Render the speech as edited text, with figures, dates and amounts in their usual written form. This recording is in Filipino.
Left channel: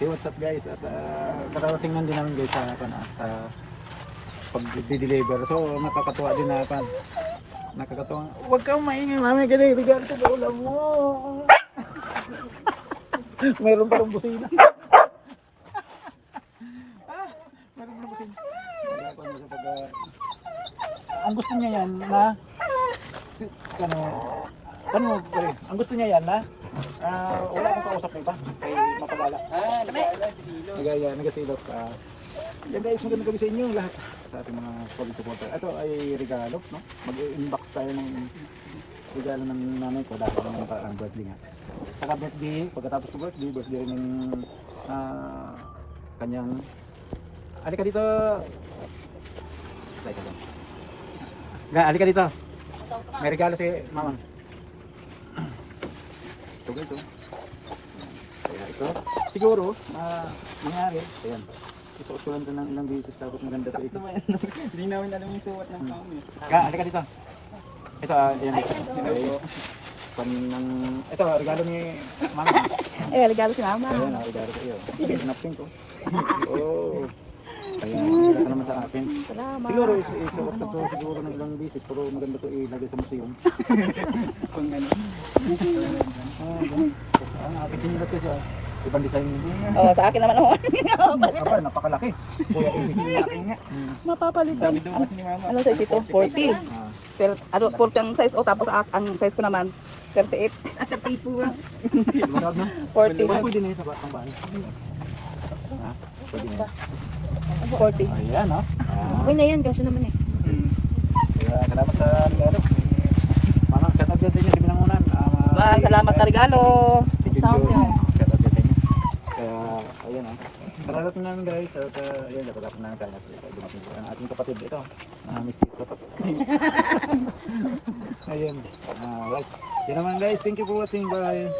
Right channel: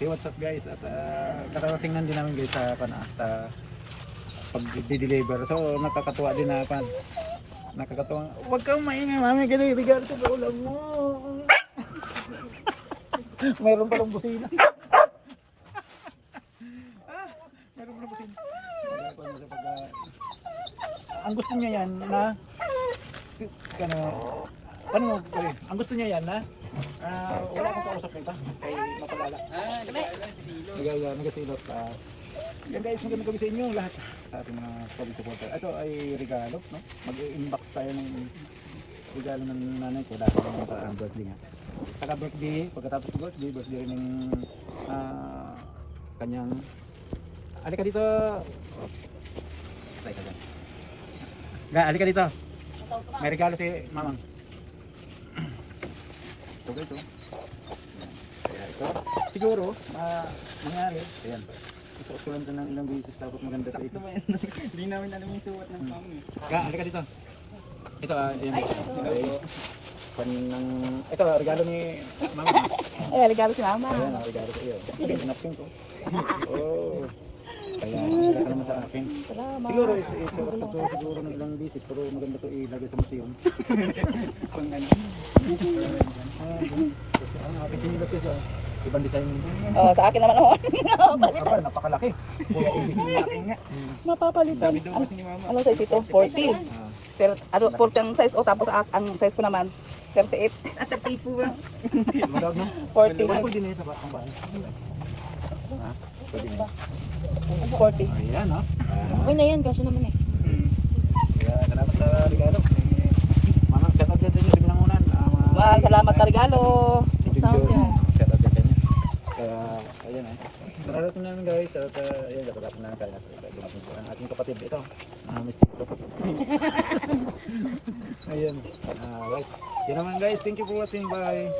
Hey, what's up guys? At nakarating din namin guys sa pag-deliver. So nakakatuwa din na nakakatuwa. Huwag kang maingay, mami, ganun regalo sa ulam mo. Meron pa rin busina. Meron pa rin busina. Ang gusto niya yan na ang gusto niya yan na wala akong kausap nito kay makabala. Nagasilot. Yan guys, magandang gabi sa inyo lahat sa ating mga solid supporter. Ito ay regalo, no? Mag-inbox tayo ng regalo ng nanay ko dahil ng birthday nga. Saka birthday, pagkatapos ng birthday ng kanyang alika dito. Alika dito. May regalo si mama. Ito. Ito. Siguro, mangyari. Ayan. Isusulan ko ng ilang bisis tapos maganda sa ito. Hindi namin alam yung suot ng pangit. Alika dito. Ito, ayan. Ito, regalo ni mama. Regalo si mama. Ayan, regalo sa iyo. Napin ko. Oh. Ayan, maganda ka naman sa atin. Siguro, isuot na to siguro ng ilang bisis. Pero maganda to ilagay sa museum. Ang aking sinila to siya. Ibang design mo. Sa akin naman ako. Aba, napakalaki. Kuya, ibig niya. Mapapalit Sabi daw kasi ni mama. ano sa isip ko? 40. Pero ano, 40 ang size. O tapos ang size ko naman, 38. At 30 po ba? Magag na. 40. Pwede na yung sa batang bahay. Pwede na. 40. Ayan, ha. Uy na yan, kasi naman yan. Kaya, salamat sa regalo. Mga shout out din niya sa binangunan. Salamat sa regalo. Shout out din sa inyo. Kaya, ayan, ha. Salamat namin guys. At, ayan, dapat namin kaya. Ang ating kapatid ito. Mistake ko pa. Ayun. Right. Yan naman guys. Thank you for watching. Bye.